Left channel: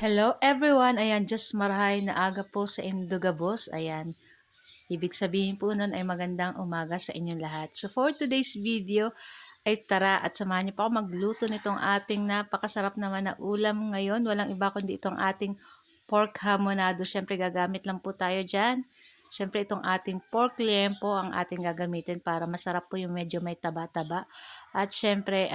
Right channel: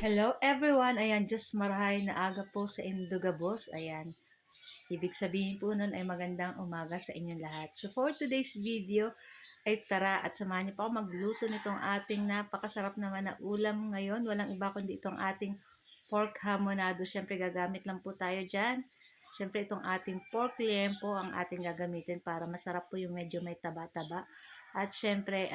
Hello everyone! Ayan, just marahay na aga po sa Indugabos. Ayan, ibig sabihin po nun ay magandang umaga sa inyong lahat. So for today's video ay tara at samahan niyo po ako magluto nitong ating napakasarap naman na ulam ngayon. Walang iba kundi itong ating pork hamonado. Siyempre gagamit lang po tayo dyan. Siyempre itong ating pork liempo ang ating gagamitin para masarap po yung medyo may taba-taba. At siyempre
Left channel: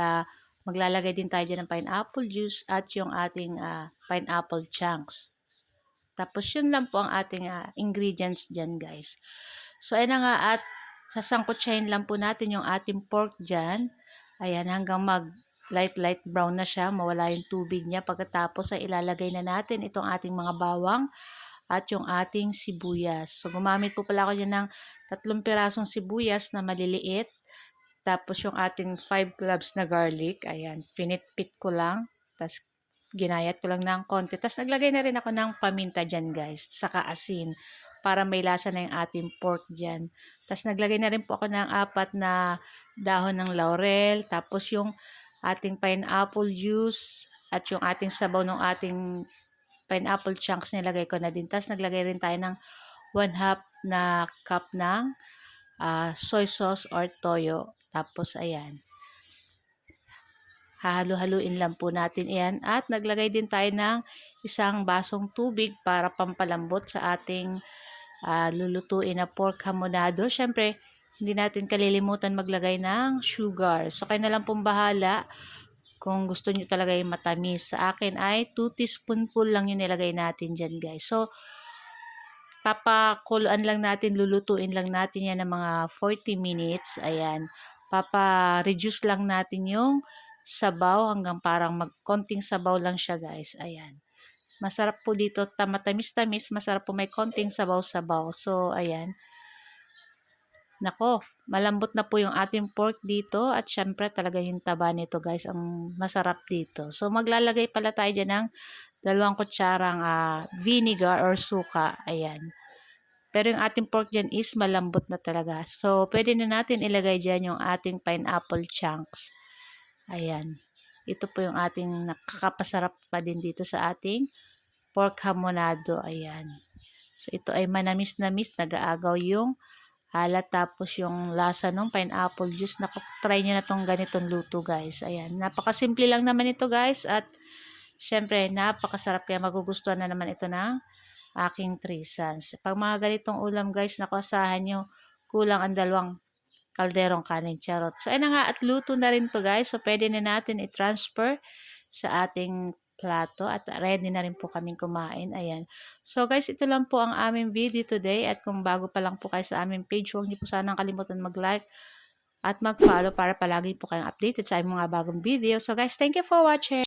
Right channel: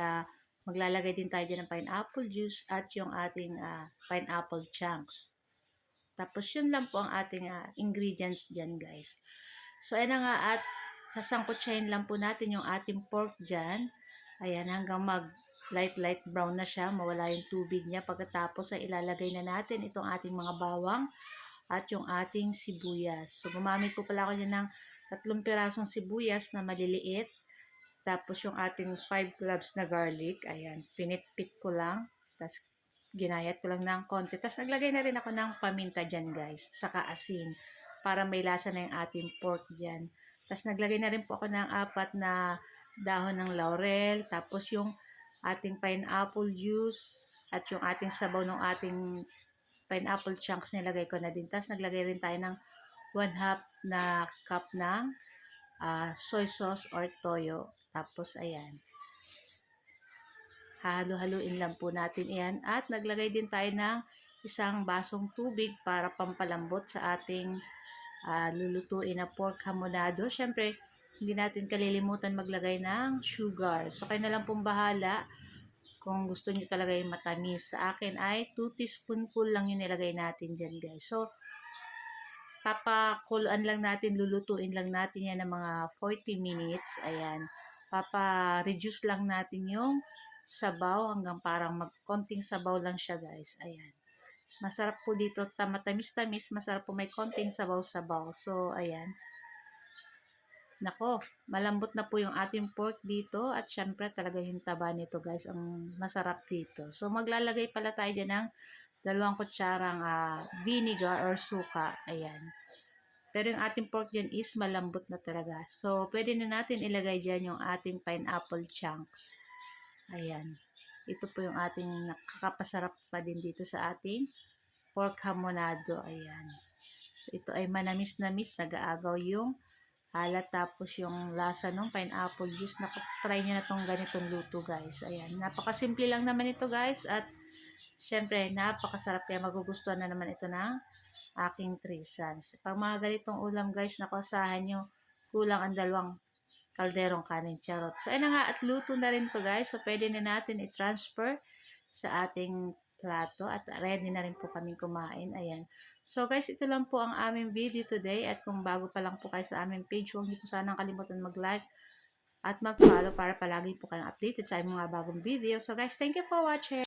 maglalagay din tayo dyan ng pineapple juice at yung ating pineapple chunks. Tapos yun lang po ang ating ingredients dyan guys. So ayun na nga at sasangkutsahin lang po natin yung ating pork dyan. Ayan hanggang mag light brown na siya, mawala yung tubig niya. Pagkatapos ay ilalagay na natin itong ating mga bawang at yung ating sibuyas. So gumamit po pala ako dyan ng 3 pirasong sibuyas na maliliit. Tapos yung ating 5 cloves na garlic, ayan, pinitpit ko lang. Tapos ginayat ko lang ng konti. Tapos naglagay na rin ako ng paminta dyan guys, saka asin para may lasa na yung ating pork dyan. Tapos naglagay na rin po ako ng 4 na dahon ng laurel. Tapos yung ating pineapple juice at yung ating sabaw ng ating pineapple chunks nilagay ko na din. Tapos naglagay rin tayo ng 1/2 na cup ng soy sauce or toyo. Tapos ayan, hahalo-haluin lang po natin iyan at naglagay din tayo ng isang basong tubig para pampalambot sa ating lulutuin na pork hamonado. Syempre, hindi natin kalilimutan maglagay ng sugar. So, kayo na lang pong bahala kung gusto nyo talaga yung matamis. Sa akin ay 2 teaspoonful lang yung nilagay natin dyan guys. So, papakuluan lang natin, lulutuin lang natin yan ng mga 40 minutes. Ayan, papa-reduce lang natin yung sabaw hanggang parang konting sabaw lang siya guys. Ayan. Masarap po dito, matamis-tamis, masarap po may konting sabaw-sabaw. So, ayan. Nako, malambot na po yung ating pork dito at syempre talaga yung taba nito guys ang masarap dito. So, maglalagay pala tayo dyan ng 2 kutsarang vinegar or suka. Ayan. Pero yung ating pork dyan is malambot na talaga. So, pwede na natin ilagay dyan yung ating pineapple chunks. Ayan. Ito po yung ating nakakapasarap pa din dito sa ating pork hamonado. Ayan. So, ito ay manamis-namis. Nag-aagaw yung alat tapos yung lasa ng pineapple juice. Try nyo na tong ganitong luto guys. Ayan. Napakasimple lang naman ito guys. At syempre, napakasarap. Kaya magugustuhan na naman ito ng aking 3 sons. Pag mga ganitong ulam guys, nakusahan nyo, kulang ang 2 kalderong kanin, charot. So, ayun na nga, at luto na rin to guys. So, pwede na natin i-transfer sa ating plato at ready na rin po kaming kumain. Ayan. So, guys, ito lang po ang aming video today. At kung bago pa lang po kayo sa aming page, huwag niyo po sanang kalimutan mag-like at mag-follow para palagi po kayong updated sa aming mga bagong video. So, guys, thank you for watching.